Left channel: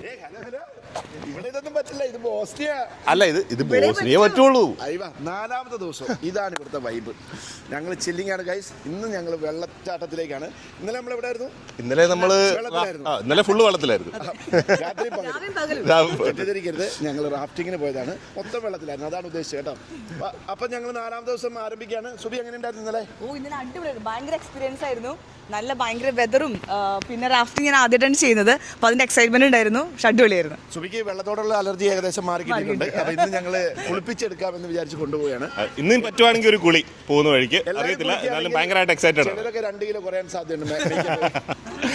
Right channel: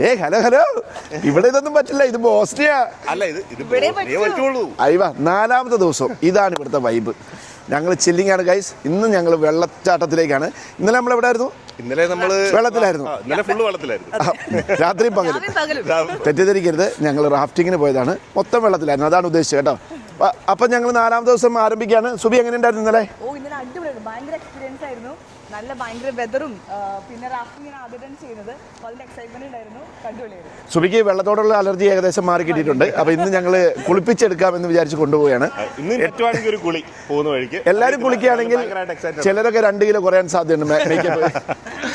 Hello hello. ഇവിടെ ഇതൊന്നും പറ്റില്ല, ഇത് ബോസ്നിയ. അല്ല, ഇത് ബോസ്നിയ പറ്റുള്ളൂ. അയ്യ, 4ാമത്തെ ദിവസം. ഇതാണ് ഇവിടുത്തെ വൈബ്. ഞങ്ങൾ ചില്ലിങ് ആണ് ഗൈസ്. ഇന്ന് ഞങ്ങൾ വെള്ളച്ചാട്ടത്തിലേക്കാണ്. ഇന്നലെ നമ്മൾ എവിടെ ആയിരുന്നു? ഇന്നലെ നമ്മള് വെള്ളത്തിലായിരുന്നു. ഇന്നലെ ഫുള്ള് വെള്ളത്തിലായിരുന്നു. രാത്രിയും പകലും. തെറ്റിദ്ധരിക്കരുത്, ഞങ്ങൾ റാഫ്റ്റിങ്ങിന് പോയതാണ്. മൊത്തം വെള്ളത്തിലായിരുന്നു, അതാണ് ഉദ്ദേശിച്ചത് കേട്ടോ. അപ്പൊ ഞങ്ങൾ 4ാം ദിവസം ആരംഭിക്കുകയാണ്. സുബി എങ്ങനെ ഉണ്ടായിരുന്നു ഇന്നലെ? ഇന്നലെ അടിപൊളി, ഭയങ്കര എക്സ്പീരിയൻസ് ആയിരുന്നു. നല്ല ഭയങ്കര വെതറും പിന്നെ റാഫ്റ്റിംഗ് ഞാൻ ആദ്യമായിട്ടാണ് ചെയ്യുന്നത്. അപ്പോൾ അതിന്റെ എക്സൈറ്റ്മെന്റ് ഉണ്ടായിരുന്നു. അടിപൊളിയായിരുന്നു. സുബിക്ക് വെള്ളത്തോടുള്ള അലർജി ഏകദേശം മാറി കിട്ടിയിട്ടുണ്ട്. അപ്പൊ ഇന്ന് ഞങ്ങൾ കുളിപ്പിച്ചെടുക്കാമെന്ന് വിചാരിച്ച് കൊണ്ടുപോവുകയാണ്. ഇന്ന് പറ്റുവാണെങ്കിൽ ഒരു കുളി പോകുന്ന വഴിക്ക് എല്ലാവരും കുളിക്കുകയാണെങ്കിൽ ചിലരൊക്കെ 2 കിലോ കുറയാൻ സാധ്യതയുണ്ട്.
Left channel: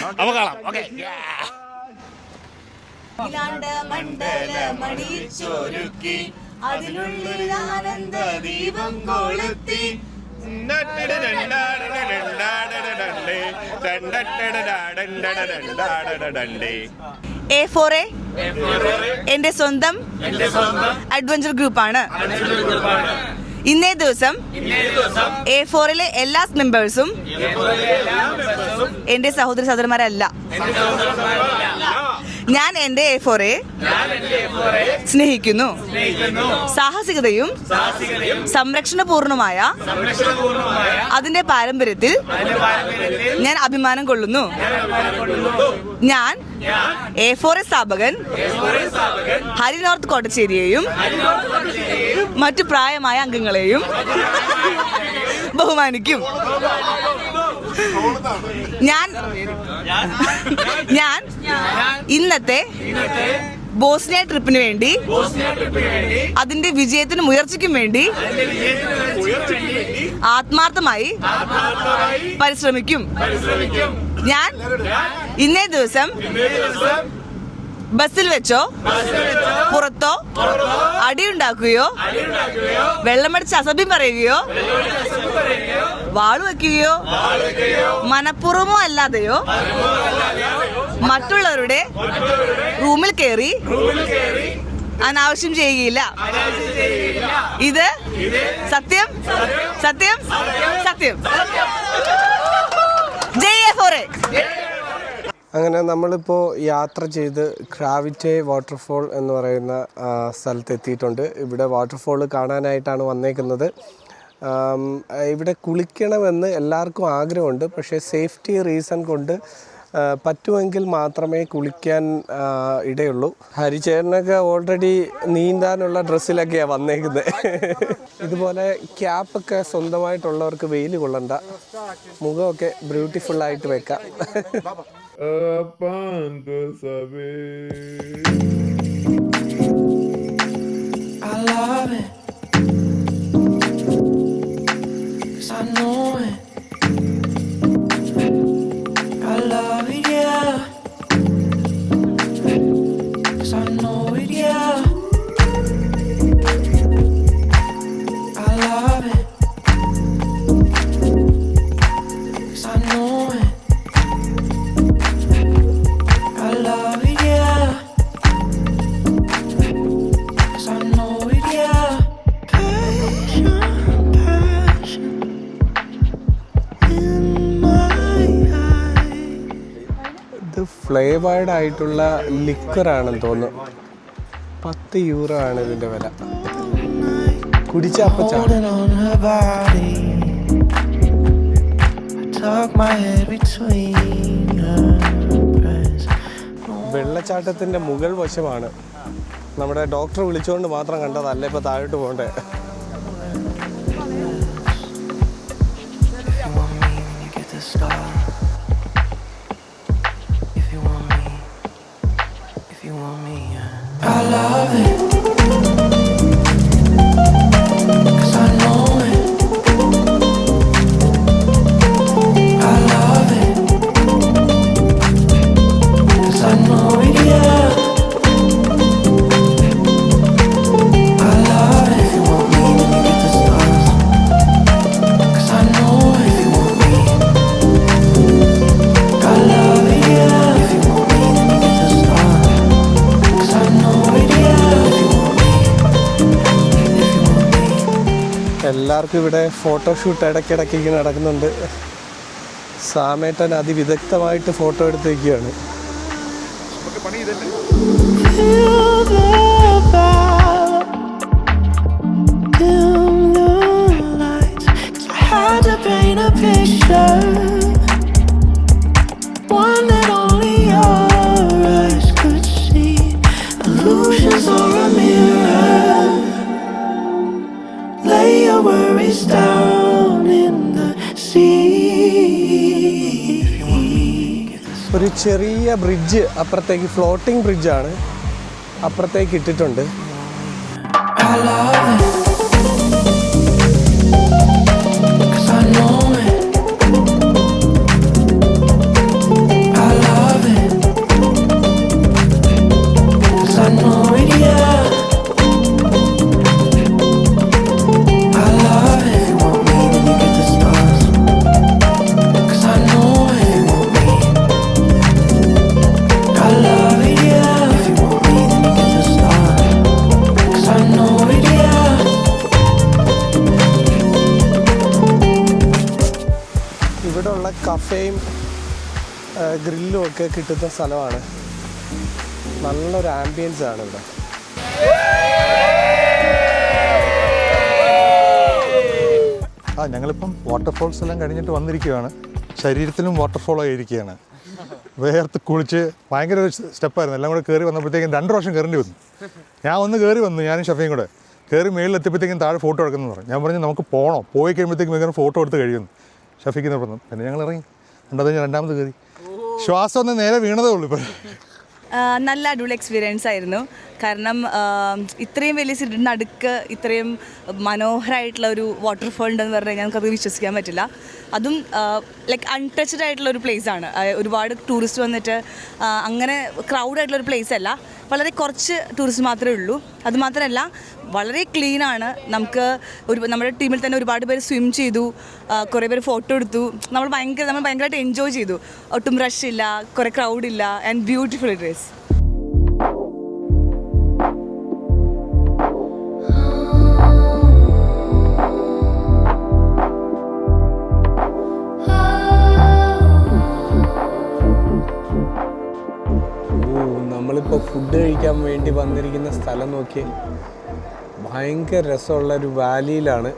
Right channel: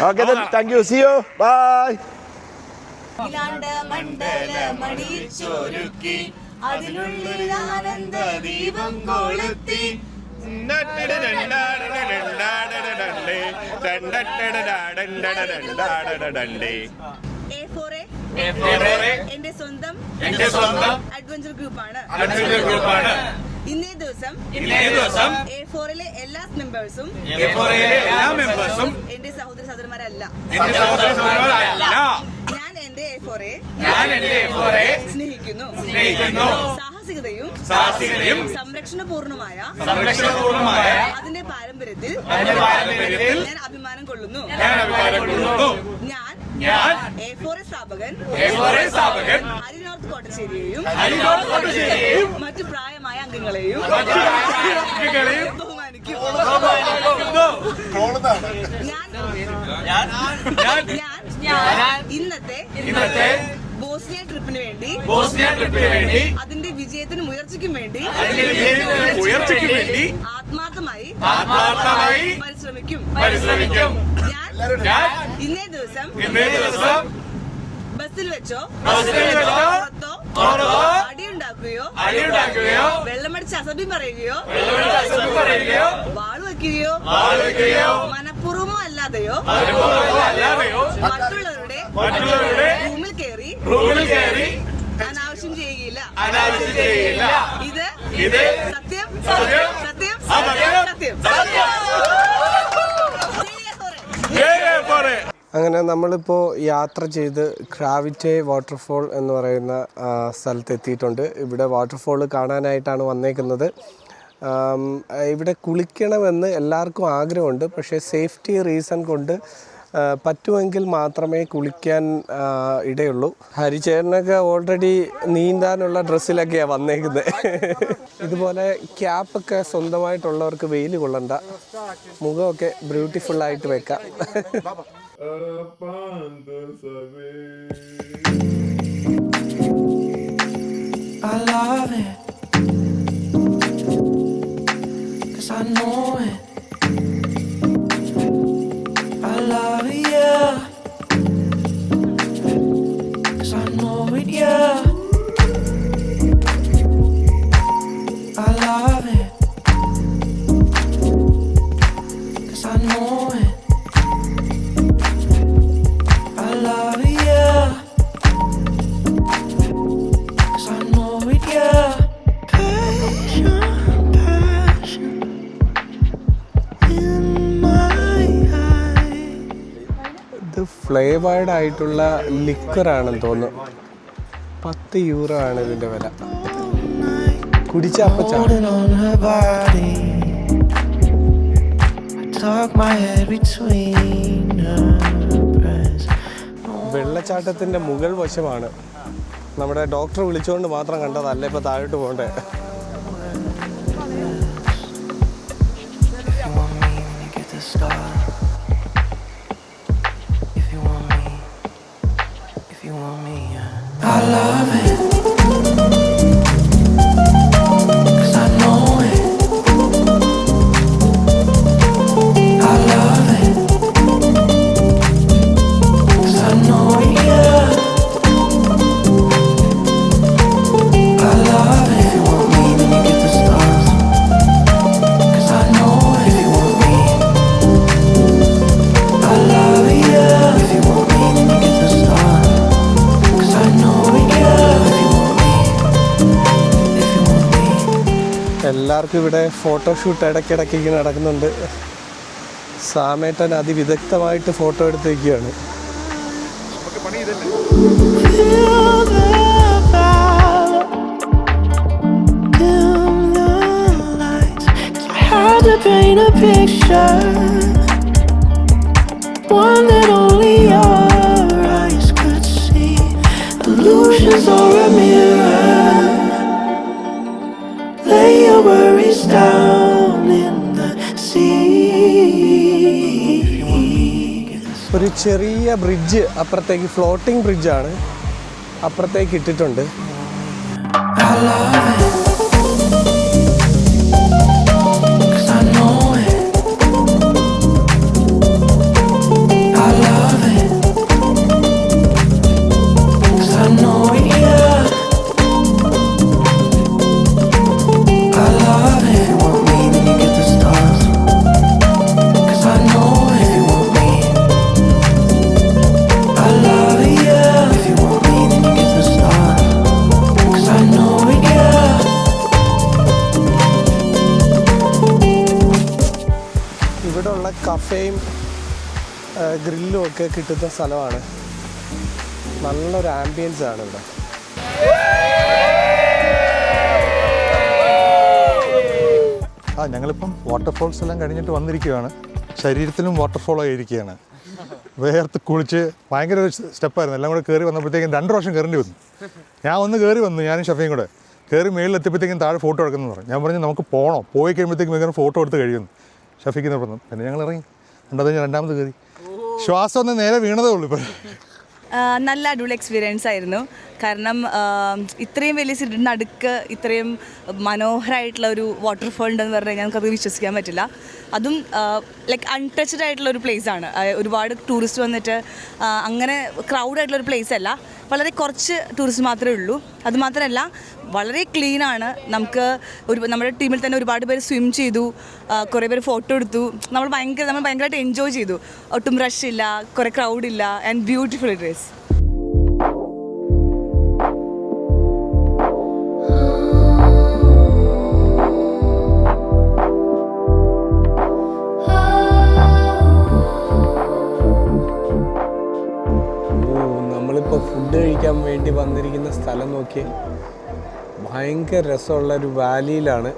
Okay, thank you, see you, bye. അതിനുള്ളിൽ ആനന്ദ ദീപം കൊളുത്തി A4A എന്റെ സ്വന്തം അഡ്വഞ്ചർ ഗ്രൂപ്പാണ്. ഇന്നേ ദിവസം A4ലെ എല്ലാ മെമ്പേഴ്സും എന്റെ സഹോദര സഹോദരന്മാരല്ല. ഞാൻ എന്റെ A4A സ്നേഹിക്കുന്നു. സാഹസികതയും സംരക്ഷണപൂർണമായ അതിന്റെ പാരമ്പര്യത്തിൽ ഞാൻ അഭിമാനം കൊള്ളുന്നു. ഞാൻ A4A സ്ഥാപകൻ ഹരി നോർത്ത് കോട്ടച്ചേരിയെയും മറ്റു പ്രായമായ അംഗങ്ങളെയും ബഹുമാനിക്കും. ഞാൻ ഇന്നത്തെ ബോസ്നിയ ട്രിപ്പിന് വേണ്ടി അതിന്റെ വിജയത്തിനും ഉയർച്ചയ്ക്കും വേണ്ടി ആത്മാർത്ഥമായി പരിശ്രമിക്കും. ഞാൻ ഇന്നേ ദിവസം ബസ്സിൽ വെച്ചോ പുറത്തോ അടിയുണ്ടാക്കുകയോ വെള്ളമടിച്ച് അസഭ്യം പറയുകയോ വാള് വയ്ക്കുകയോ മനഃപൂർവമോ അല്ലാതെയോ മറ്റുള്ളവരുടെ റൂമിൽ കയറി അനാവശ്യം ചെയ്യുകയില്ല. ഇത് സത്യം സത്യം സത്യം. ജയ് A4A. അങ്ങനെ നമ്മളിപ്പോൾ യാത്ര ചെയ്ത് ക്രാവിറ്റെ വാട്ടർഫോൾ എന്ന് പറയുന്ന സ്ഥലത്ത് എത്തിയിട്ടുണ്ട്. ഇവിടെ വാട്ടർഫോൾ കാണാനായിട്ടാണ് വന്നേക്കുന്നത്. ഇവിടെ കുളിക്കണമെന്ന് എല്ലാവർക്കും ആഗ്രഹമുണ്ട്. പക്ഷേ സേഫ്റ്റി റീസൺ കൊണ്ട് പറ്റുമെങ്കിൽ മാത്രമേ കുളിക്കാൻ ഇടയുള്ളൂ. ഹരിചേട്ടനൊക്കെ ഓൾറെഡി നീന്താനുള്ള ഡ്രസ്സിലൊക്കെയാണ് വന്നേക്കുന്നത്. ഇതുപോലെ ക്യാപ്പൊക്കെ സ്വന്തമായിട്ടുള്ളവർക്ക് വെയിൽ കൊള്ളണ്ട, മുഖമൊക്കെ ബ്യൂട്ടിഫുള്ളായിട്ട് വെക്കാം. I love it, 'cause I know it. I love it, yeah, 'cause I know it, yeah. I love it, 'cause I know it. I love it, yeah, 'cause I know it, yeah. Passion, passion in my eyes. ഇത് flavoured ആയിട്ടുള്ള ലിക്വറാണെന്ന് തോന്നുന്നു. 10 euro ആണ് ഇതിന്റെ വില. കുടിച്ച അപ്പം വെള്ളച്ചാട്ടത്തിന്റെ മുകൾ വശമാണ്. നമ്മുടെ ഡോക്ടർ വിളിച്ചുകൊണ്ട് മാത്രം കണ്ടതല്ല, ഇപ്പൊ താഴോട്ട് പോകണ്ടേ. I love it, 'cause I know it. I love it, 'cause I know it, yeah. I love it. If you want me, then you get the stars, 'cause I know it. If you want me, I love it, yeah. If you want me, then you get the stars, 'cause I know it, yeah. If you want me, if you want me. എല്ലാവർക്കും ഇവിടെ photoshoot ഇടയ്ക്കിടയ്ക്ക് ഇങ്ങനെ നടക്കുന്നുണ്ട്. സാമേട്ടൻ അതിവിദഗ്ധമായിട്ട് photo എടുത്ത് വയ്ക്കുകയാണ്. Feel the power, dim the lights. I had to paint a picture, one that only your eyes could see. Illusions or a mirror. Lay your worries down in the sea. ഒരു ചെറിയ bridge അപ്പുറത്തേക്ക്, floating ബ്രിഡ്ജാണ്, അപ്പുറത്തേക്ക് ഇട്ടിട്ടുണ്ട്. ഇവിടെയുള്ള കഫേയും ഗ്രില്ലും ഒക്കെ കിട്ടുന്ന സ്ഥലമാണ്. നല്ലൊരു ആംബിയൻസ് ആണ് ഇവിടെ. ഞങ്ങളിപ്പം വാട്ടർഫോൾസ് എല്ലാം കഴിഞ്ഞിട്ട് വന്നിരിക്കുകയാണ്. ശരീരത്തിലും വാട്ടർഫോൾ ആയിരിക്കുകയാണ്. വേർത്ത് കുളിച്ച് ഭയങ്കര ഒരു സ്റ്റെപ്പായിരുന്നു. എല്ലാം കൂടെ കയറി വന്നപ്പോഴത്തേക്കും 2 പ്രാവശ്യം കയറേണ്ടി വന്നു. ഞാൻ ഒന്ന് കയറി വന്നു, ഞാനും ഷഫയും കൂടെ കയറി മേളിലെത്തിയപ്പോഴത്തേക്കും താഴെ ഫോട്ടോ എടുക്കുന്നു പറഞ്ഞു. ഞാൻ പറഞ്ഞു നമുക്ക് പോകണം, പോയി കഴിയുമ്പോഴത്തേക്കും ഇങ്ങനെ ഫോട്ടോ എടുത്ത് കഴിയുന്നു. ഷഫിക്കുന്ന പറഞ്ഞു. പിന്നെ ഞങ്ങൾ ഇറങ്ങി. രണ്ടാമത് കയറി. ശ്വാസം ഒന്ന് നേരെ വീണതേ ഉള്ളൂ ഇപ്പം. നല്ല അടിപൊളി എക്സ്പീരിയൻസ് ആയിരുന്നു. കാരണം ഇത്രയും വലിയ സിറ്റിയുടെ നടുക്ക് ഇത്രയും മനോഹരമായിട്ടുള്ള ഒരു വാട്ടർഫോൾ ഉണ്ടെന്ന് പറഞ്ഞാൽ ഞങ്ങൾക്കത് വിശ്വസിക്കാൻ പറ്റില്ല. അതും ലൈക്ക് അൺടച്ച്ഡ് ആയിട്ടുള്ള ഒരു പ്ലേസാണ്. ഒരുപാട് ടൂറിസ്റ്റ് വന്നിട്ട് അങ്ങനെ ക്രൗഡായിട്ടുള്ളൊരു പ്ലേസ് അല്ല. വളരെ കുറച്ച് ടൂറിസ്റ്റ് മാത്രമേ ഉള്ളൂ. അതുമാത്രമല്ല വളരെ ക്ലീനാണ്. നമ്മുടെ ടീമിൽ തന്നെ ഒരുപാട് പേര് സ്വിം ചെയ്തു, കുറേ പേര് ഫോട്ടോ എടുത്തു. നമ്മൾ ഭയങ്കരമായിട്ട് എൻജോയ് ചെയ്തു. ഒട്ടും റഷ് ഇല്ല, കുറേ ക്രൗഡില്ല, ആൻഡ് ബ്യൂട്ടിഫുൾ ഇറ്റ് ഈസ്. നമ്മളിപ്പോൾ ഫുഡ് കഴിക്കാൻ വേണ്ടി വന്നിരിക്കുന്ന സ്ഥലം നോക്കി. ഭയങ്കര രസമുള്ള ഒരു വാലിയിലാണ്.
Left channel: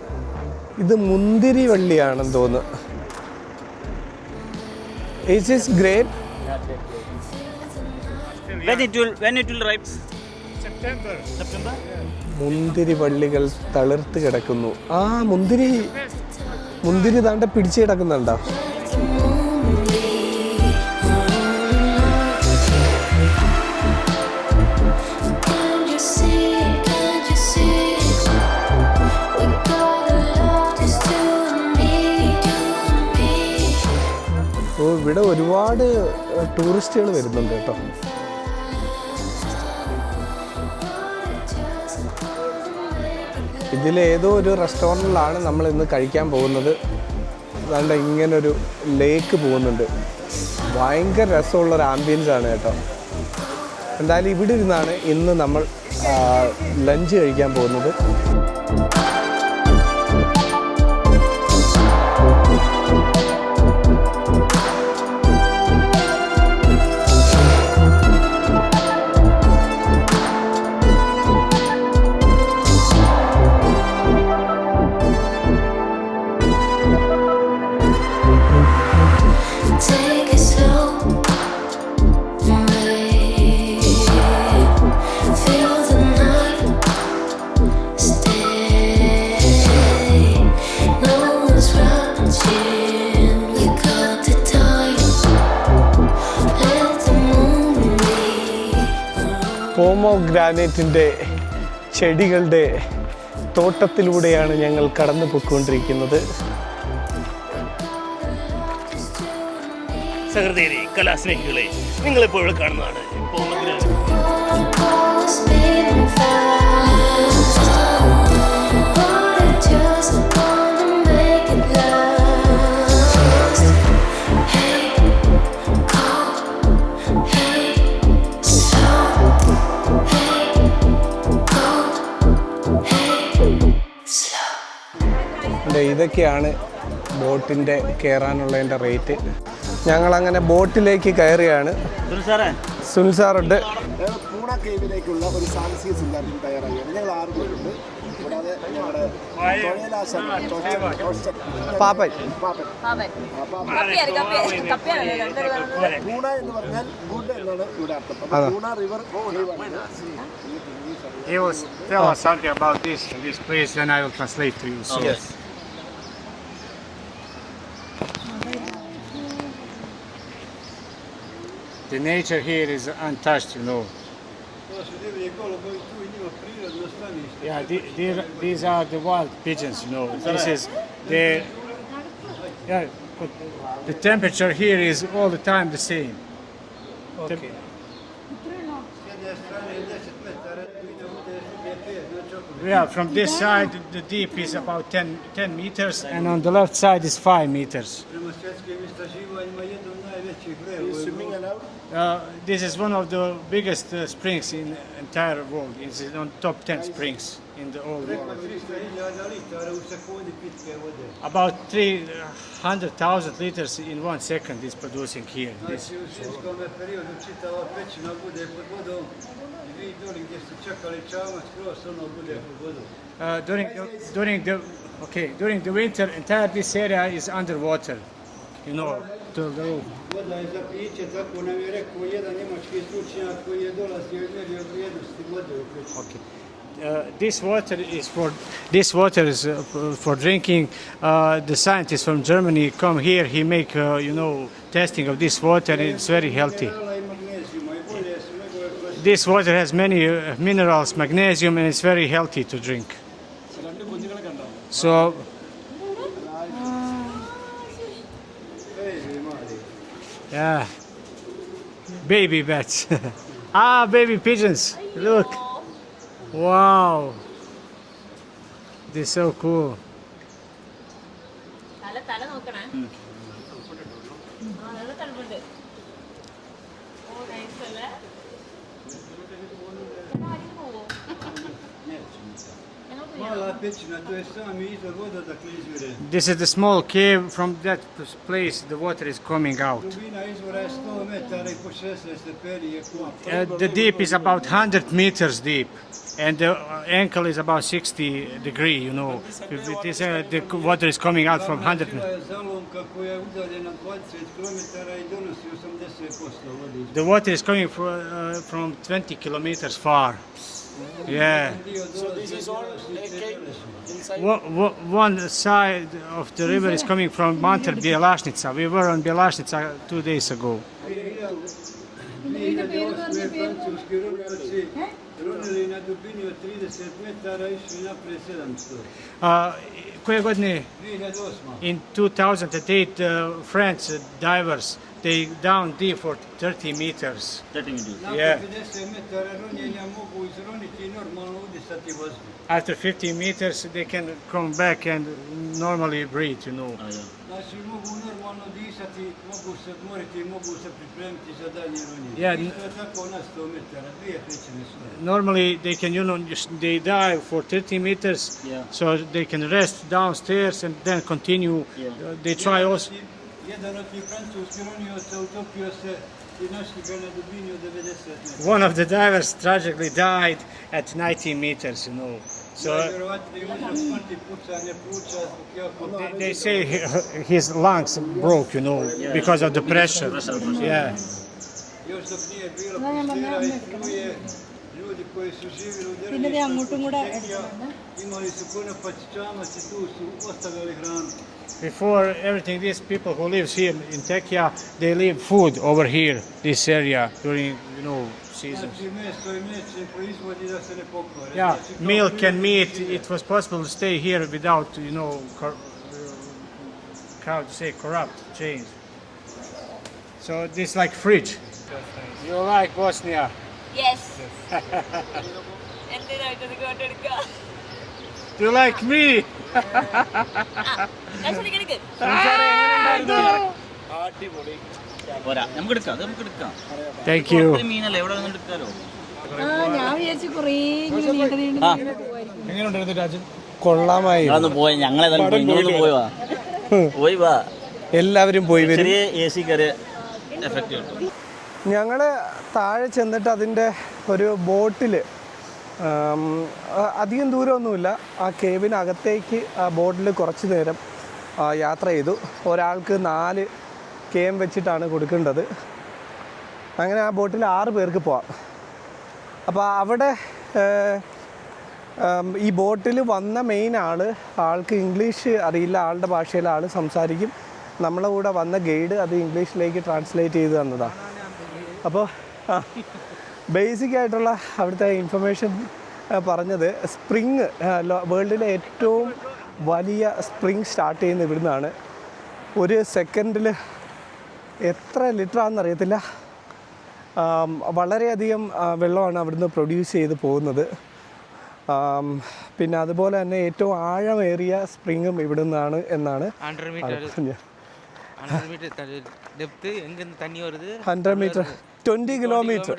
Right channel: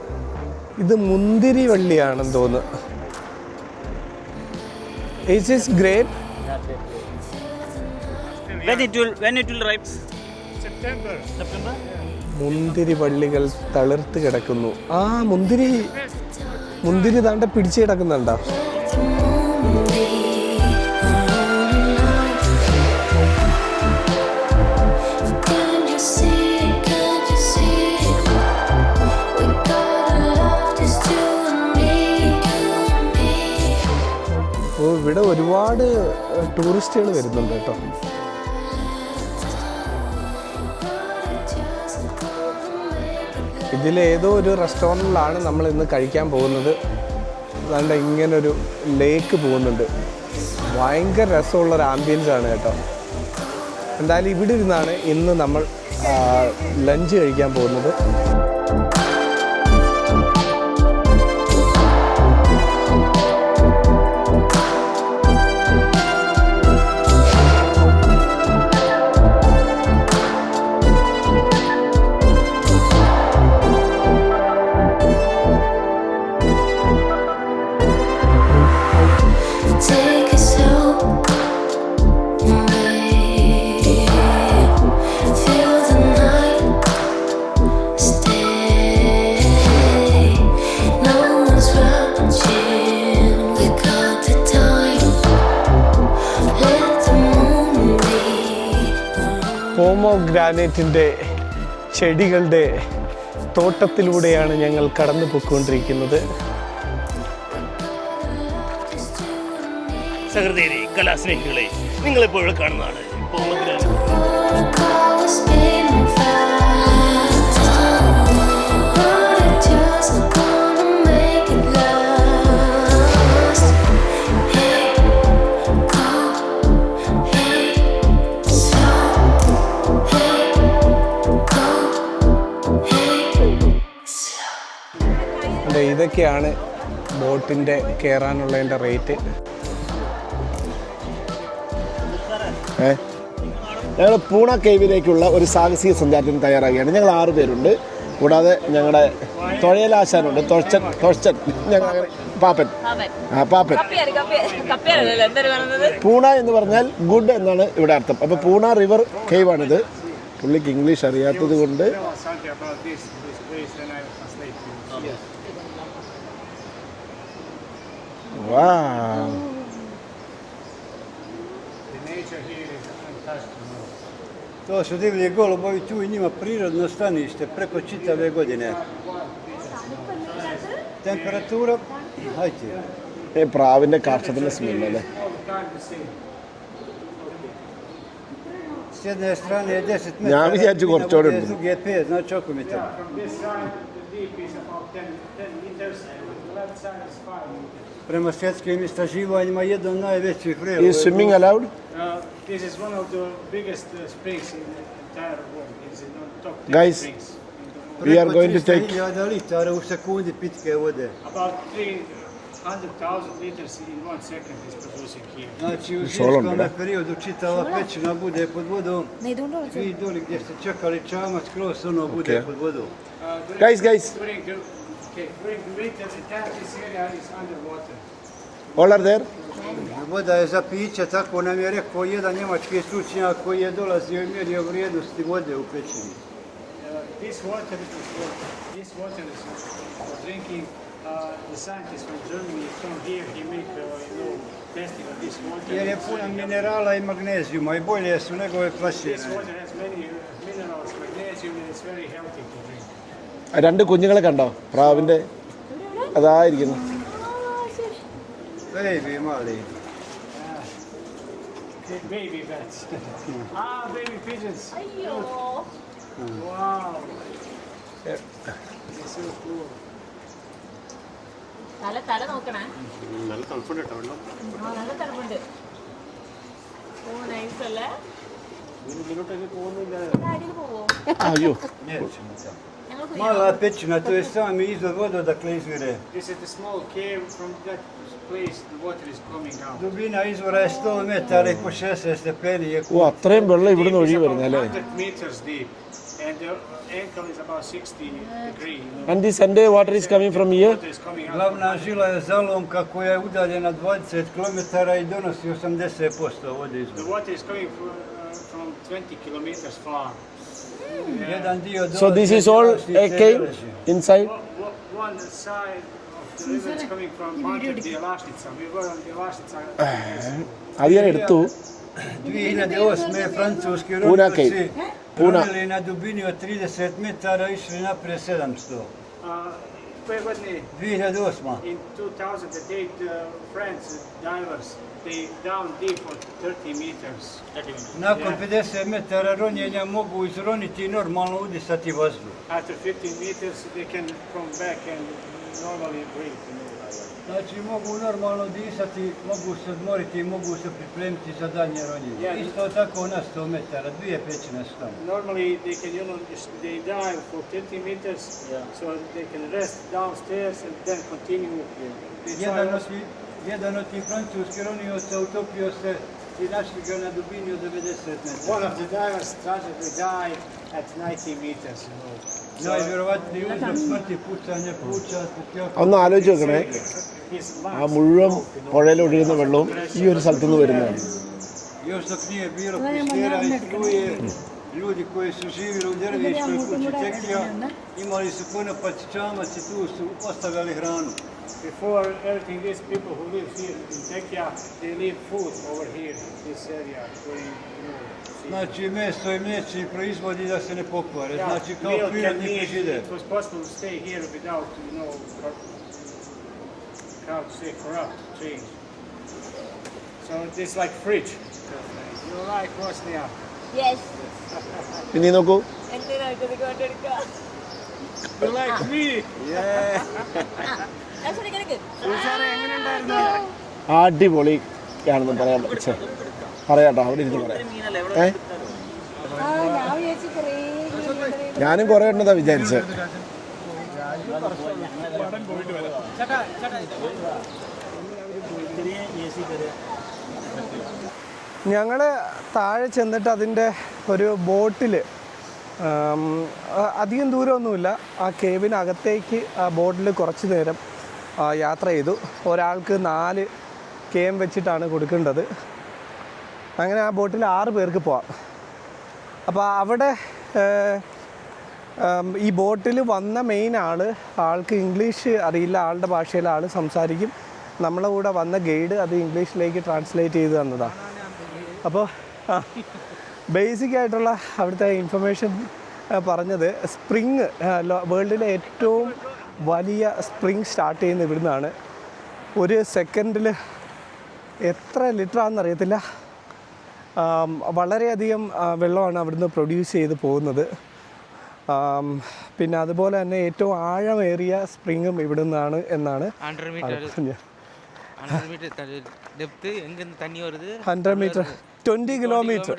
ഇത് മുന്തിരി വള്ളിയാണെന്ന് തോന്നുന്നു. Is this grape? When it will ripe? September. മുന്തിരി വള്ളികൾ തളിർത്ത് കിടക്കുന്നു. മുന്തിരി താണ്ട പിടിച്ച് കിടക്കുന്നുണ്ടോ? അപ്പോൾ ഇവിടെ ഒരുപാട് ടൂറിസ്റ്റുകൾ വരുന്നുണ്ട് കേട്ടോ. ഇതിലേതോ ഒരു റെസ്റ്റോറൻറ്റിലാണ് നമ്മൾ ഇന്ന് കഴിക്കാൻ പോകുന്നത്. അതുകൊണ്ട് ഇങ്ങനൊരു ലേക്ക് പോകുന്നുണ്ട്. ഭയങ്കര രസമുള്ളൊരു ആംബിയൻസ് ആണ് കേട്ടോ. എന്തായാലും ഇവിടെ ഇരുന്നാണ് ഇന്ന് നമ്മൾ ലഞ്ച് കഴിക്കാൻ പോകുന്നത്. Take it slow, feel the night, stay. No one's rushing, we got the time. Let the moon be. പോമോഗ്രാനൈറ്റിൻ്റെ ചെടികളുടെ തോട്ടത്തിലൂടെയാണ് ഞങ്ങൾ കടന്നു പോയിക്കൊണ്ടിരിക്കുന്നത്. സഹൃദയരെ, കലാസ്നേഹികളെ, നിങ്ങളിപ്പോൾ ഇവിടെ കാണുന്നതാണ് പോമഗ്രാനൈറ്റ്. ഇതൊക്കെയാണ് ബോട്ടിൻ്റെ കയറാനുള്ളതിൻ്റെ റേറ്റ്. ഞങ്ങളങ്ങനെ ബോട്ടിലേക്ക് കയറുകയാണ്. സുനിൽ സാറുണ്ട്. ഞങ്ങൾ പൂണ കേവിലേക്കുള്ള ഒരു സാഹസിക സഞ്ചാരത്തിന് തയ്യാറാകുകയാണ്. ഞങ്ങൾ 6 പേരുണ്ട്. കൂടാതെ ഞങ്ങളുടെ തൊഴയലാശാനുണ്ട്, പാപ്പൻ. പൂണ എന്ന് പറഞ്ഞാൽ ഗുഡ് എന്നാണ് ഇവിടെ അർത്ഥം. അപ്പോൾ പൂണ റിവർ കേവ് ആണിത്. പുള്ളിക്ക് ഇംഗ്ലീഷ് അറിയാത്തത് കൊണ്ട് The nature here is untouched, you know. To su divlji golubovi, tu i njima prirodno stanište, preko čitave godine. These are the wild pigeons, you know. This is the, Temperatura, hajde. yeah, പ്രാവിന്റെ the temperature here is all the time the same. S jedne strane je 10 Ja metara, vidijaću gorčore. s druge je 5, znači oko metra. Yeah, from this side the deep is about 10 meters and on the left side is 5 meters. Prema svjetskim istraživanjima, jedan od najvećih vrela. Is swimming allowed? This is one of the biggest springs in the entire world. It's on top 10 Guys, springs in the whole. We are going to take 300.000 litara u sekundi pitke vode. About 300,000 liters in 1 second is producing here. Znači u zimskom periodu čitava pećina bude pod vodom. Vi doli gdje ste čekali čamac, skroz ono bude pod vodom. Guys. During the winter, entire this area is underwater. all are there? Voda je za piće, tako nam je rekao jedan njemački stručnjak koji je dolazio i mjerio vrijednosti vode u pećini. This water is for drinking. The scientists from Germany come here. He make testing of this water. It's very healthy. Minerala i magnezijuma i bolje su njegove klasifikacije. This water has many minerals, magnesium, and it's very healthy to drink. 2 കുഞ്ഞുങ്ങളെ കണ്ടോ? പ്രാവിന്റെ അതായിരിക്കുന്നു. Baby mali. Yeah, baby bats. Baby pigeons. Look. Wow. This is so cool. അയ്യോ. Mala pećina, to je sami izvor voda odakle izvire. This is the small cave. From that place, the water is coming out. Dubina izvora je 100 metara i po 60 stepeni je ഓ അത്രയും വെള്ളം The ഇവിടെ deep is about ഒഴുകി 100 meters deep, and the ankle is about 60 degree. You know. And this entire water is coming from here? Water is coming out from Glavna 100. žila je zalomka koja je udaljena 20 km i donosi 80% vode iz The water is coming from 20 kilometers far. Yeah. Jedan dio So dolazi this is od all Bjelosice a i cave Veleše. inside? One side of the river is coming from Mantar Bjelašnica. We were on Bjelašnica 2 days ago. അവിയൻ എടുത്തു. 2008. francuski Puna ronioci cave. Puna. ronili na dubini od 30 metara i išli naprijed 700. Koje godine? 2008. In 2008, French divers, they down deep for 30 meters. Nakon Yeah. 50 metara ronjenja mogu izroniti i normalno udisati vazduh. After 50 meters, they can come back and normally breathe, you know. Znači mogu normalno disati, mogu se odmoriti, mogu se pripremiti za daljnje ronjenje. Yeah. Isto tako na 100 metara, 2 pećine su tamo. Normally, they can, they dive for 30 meters, so they can rest downstairs and then continue. They try also. Jedan od tih francuskih ronioca utopio se i našli ga na dubini od 90 metara. One of the divers tragically died at 90 meters, you know. So Najvjerovatniji uzrok smrti pucanje pluća. ഒന്ന് ആലോചിച്ച് they നോക്കണേ. say his lungs മുഴുവൻ broke, you know, പുഴയിലൊഴുകുന്ന because of the വെള്ളം ഈ pressure. ഒരു സ്ഥലത്തുനിന്ന് വരുന്നത്. Još dok nije bilo pustira i struje, ljudi koji su živjeli u Derviškoj kući Čekija imali su konopac, čamac i tu su postavljali hranu. Before everything, these people who live here in Tekija, they leave food over here, this area, during season. Znači meso i mliječni proizvodi da se ne pokvare. Yeah, Znači, kao milk and prirodni meat. žide. It was possible to stay here without, how to say, corrupt change. So this like fridge. You like Bosnia? Yes. ഇനി നോക്കൂ. You like me? That's what you're gonna get. അടിപൊളി പറയാട്ടോ. Thank you. ഞാനും കുറെ എണ്ണതാ വിചാരിച്ചത്. കൊള്ളാമായി. പോയി ഞങ്ങളെ പോയി വാ എല്ലാവരും പോയി വരും. ഞങ്ങൾ താഴെ ചെന്നിട്ട് അതിൻ്റെ ഒരു ബോട്ടിൽ അധികം ദൂരമൊന്നുമില്ല, ആ കേവിനകത്തേക്ക് ആ ബോട്ടിൽ കുറച്ച് നേരം യാത്ര ചെയ്തു. ഒരാൾക്ക് 4 KM വെച്ചിട്ടാണ് കൊടുക്കേണ്ടത്. അങ്ങനെ ആ ബോട്ടിൽ 6 പേർക്ക് പോവാം. അപ്പോൾ അവിടെ ഈ ബോട്ടിൽ വന്ന മെയിൻ ആൾക്ക് ഇംഗ്ലീഷ് അറിയില്ല, ആളുടെ ഭാഷയിൽ ആൾ സംസാരിക്കും. നമ്മളെ കൂടെ വന്ന ഗൈഡ് അത് ഇംഗ്ലീഷിലേക്ക് ട്രാൻസ്ലേറ്റ് ചെയ്ത് തന്നതാണ്. അപ്പോൾ ബേസിക് ആയിട്ടുള്ള അവിടുത്തെ ഇൻഫർമേഷൻ പറഞ്ഞത് സ്പ്രിങ് വേൾഡിലെ ഏറ്റവും വലിയ സ്പ്രിങ് സ്റ്റാർട്ട് ചെയ്യുന്ന ഇവിടുന്നാണ്. ഒരു സെക്കൻഡിൽ എത്ര ലിറ്റർ ആണെന്നറിയത്തില്ല, വളരെയധികം വെള്ളമാണ് അവിടുന്ന് പ്രൊഡ്യൂസ് ചെയ്ത് പോകുന്നത്. പിന്നെ അതുപോലെ തന്നെ ഏറ്റവും ആഴമേറിയ സ്പ്രിങ്ങും ഇവിടെ നിന്നാണ് എന്നാണ് 100 മീറ്റർ 20 കിലോമീറ്റർ.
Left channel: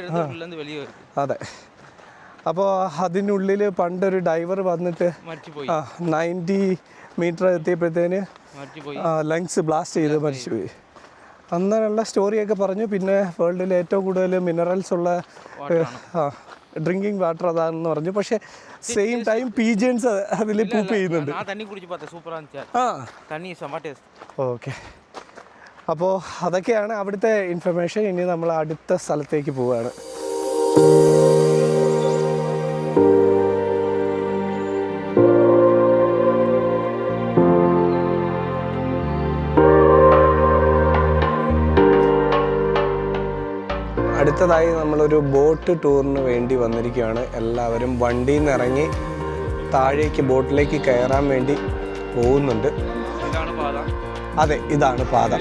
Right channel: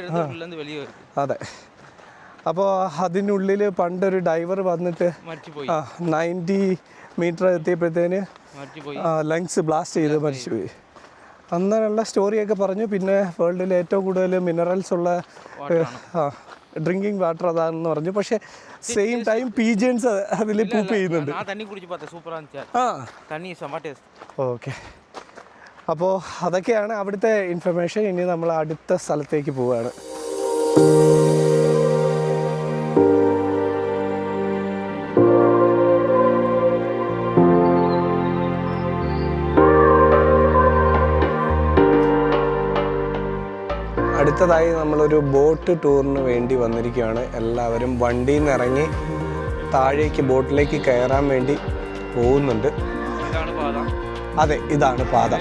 അതെ. അപ്പോൾ അതിനുള്ളിൽ പണ്ടൊരു ഡൈവർ വന്നിട്ട് 90 മീറ്റർ എത്തിയപ്പോഴത്തേന് ലങ്സ് ബ്ലാസ്റ്റ് ചെയ്ത് മരിച്ചുപോയി. അന്നുള്ള സ്റ്റോറിയൊക്കെ പറഞ്ഞു. പിന്നെ വേൾഡിൽ ഏറ്റവും കൂടുതൽ മിനറൽസ് ഉള്ള ഡ്രിങ്കിങ് വാട്ടർ അതാണെന്ന് പറഞ്ഞു. പക്ഷേ സെയിം ടൈം പീജിയൻസ് അതിൽ പൂപ്പ് ചെയ്യുന്നുണ്ട്. ഓക്കെ, അപ്പോൾ അതൊക്കെയാണ് അവിടുത്തെ ഇൻഫർമേഷൻ. ഇനി നമ്മൾ അടുത്ത സ്ഥലത്തേക്ക് പോവുകയാണ്. അടുത്തതായി നമ്മളൊരു ബോട്ട് ടൂറിന് വേണ്ടി വന്നിരിക്കുകയാണ്. എല്ലാവരും വണ്ടിയിൽ നിന്ന് ഇറങ്ങി താഴേക്ക് ബോട്ടിലേക്ക് കയറാൻ വേണ്ടി പോകുന്നുണ്ട്. അതെ, ഇതാണ് പാത.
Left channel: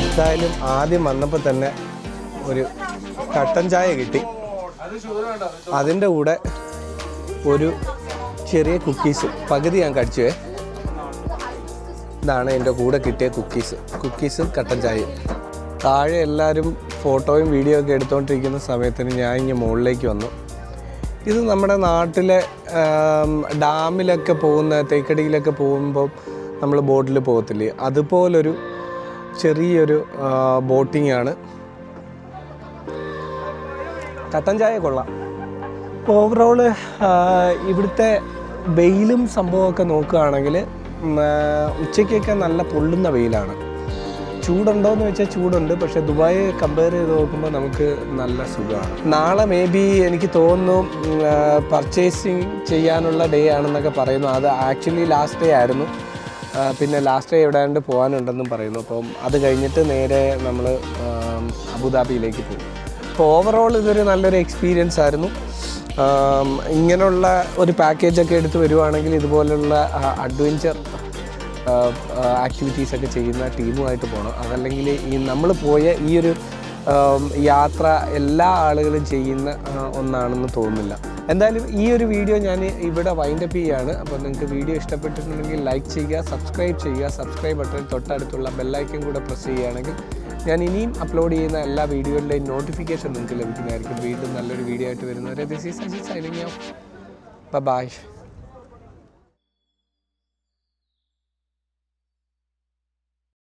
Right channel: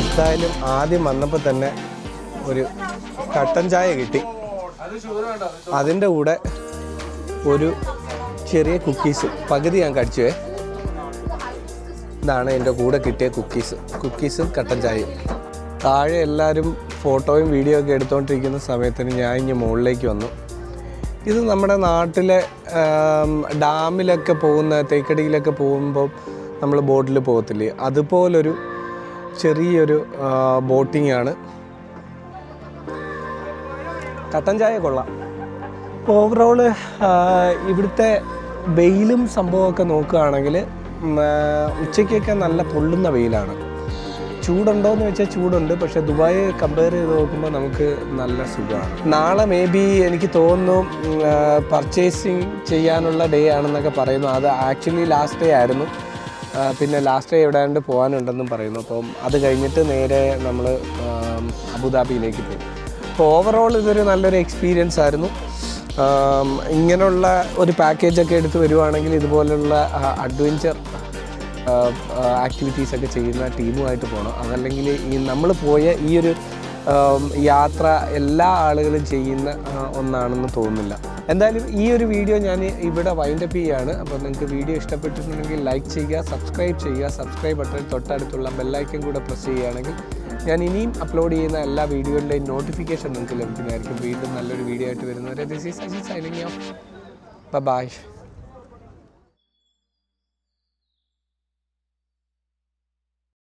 എന്തായാലും ആദ്യം വന്നപ്പോൾ തന്നെ ഒരു കട്ടൻ ചായ കിട്ടി. അതിൻ്റെ കൂടെ ഒരു ചെറിയ കുക്കീസ് പകുതി ഞാൻ കഴിച്ചുവേ. ഇതാണ് എൻ്റെ കൂടെ കിട്ടിയ കുക്കീസും കട്ടൻ ചായയും. താഴെ എല്ലാവരും ഫോട്ടോയും വീഡിയോ ഒക്കെ എടുത്തുകൊണ്ടിരിക്കുന്ന സമയത്തിന് ഞാൻ ഇങ്ങനെ മുകളിലേക്ക് വന്നു. ഇത് നമ്മുടെ നാട്ടിലെ ഡാമിലൊക്കെ പോകുന്ന, തേക്കടിയിലൊക്കെ പോകുമ്പോൾ നമ്മൾ ബോട്ടിൽ പോകത്തില്ലേ, അതുപോലൊരു ചെറിയൊരു ബോട്ടിംഗ് ആണ്. കട്ടൻ ചായ കൊള്ളാം. ഓവറോള് ഇവിടുത്തെ വെയിലും സംഭവമൊക്കെ നോക്കുകയാണെങ്കിൽ ഉച്ചയ്ക്കൊക്കെ നല്ല പൊള്ളുന്ന വെയിലാണ്. ചൂടുണ്ടോ എന്ന് വെച്ചാൽ ചൂടുണ്ട്, പക്ഷേ ദുബായ് കമ്പയർ ചെയ്ത് നോക്കുമ്പോൾ നമുക്ക് നല്ല സുഖമാണ്. നാളെ മേ ബി എനിക്ക് തോന്നുന്നു പർച്ചേസിങ് ചെയ്യാനുള്ള ഡേ ആണെന്നൊക്കെ പറയുന്നു. അത് ആക്ച്വലി ലാസ്റ്റ് ഡേ ആയിരുന്നു. പിന്നെ ലാസ്റ്റ് ഡേ എവിടെയാണ്ട് പോകാനുണ്ടെന്നും പറയുന്നു. അപ്പം അത് കഴിഞ്ഞിട്ട് നേരെ നമ്മൾ അബുദാബിയിലേക്ക് പോകും. അപ്പോൾ ഓവറോൾ ഇതൊരു നല്ലൊരു എക്സ്പീരിയൻസ് ആയിരുന്നു. ഇങ്ങനെയുള്ള ഒരു പാക്കേജൊക്കെ എടുത്ത് വരുവാണെങ്കിൽ ഇതുപോലുള്ള അഡ്വഞ്ചർ ആക്ടിവിറ്റീസൊക്കെ ചെയ്യുന്ന ടീമുമായിട്ട് പോകണം. അതല്ലെങ്കിൽ ഈ നമ്മൾ പോയ ഈ ഒരു യാത്ര എല്ലാ ആളുകളും ചെയ്യുന്ന ഒന്നാണെന്ന് തോന്നുന്നില്ല. എന്തായാലും ഈ ഒരു വീഡിയോ ഞാൻ ഇവിടെ വൈൻഡപ്പ് ചെയ്യുകയാണ്. അപ്പോൾ നിങ്ങൾക്ക് വീഡിയോ ഇഷ്ടപ്പെട്ടിട്ടുണ്ടെങ്കിൽ ലൈക്ക് ചെയ്യുക, സബ്സ്ക്രൈബ് ചെയ്യുക. സബ്സ്ക്രൈബ് ബട്ടൺ തൊട്ടടുത്തുള്ള ബെല്ലൈക്കൻ കൂടെ പ്രസ് ചെയ്യുകയാണെങ്കിൽ ഞാൻ ഇനിയും അപ്ലോഡ് ചെയ്യുന്ന എല്ലാ വീഡിയോകളുടെയും നോട്ടിഫിക്കേഷൻ നിങ്ങൾക്ക് ലഭിക്കുന്നതായിരിക്കും. വീണ്ടും നല്ലൊരു വീഡിയോ ആയിട്ട് വരുന്നവരെ this is Ajith signing off. By.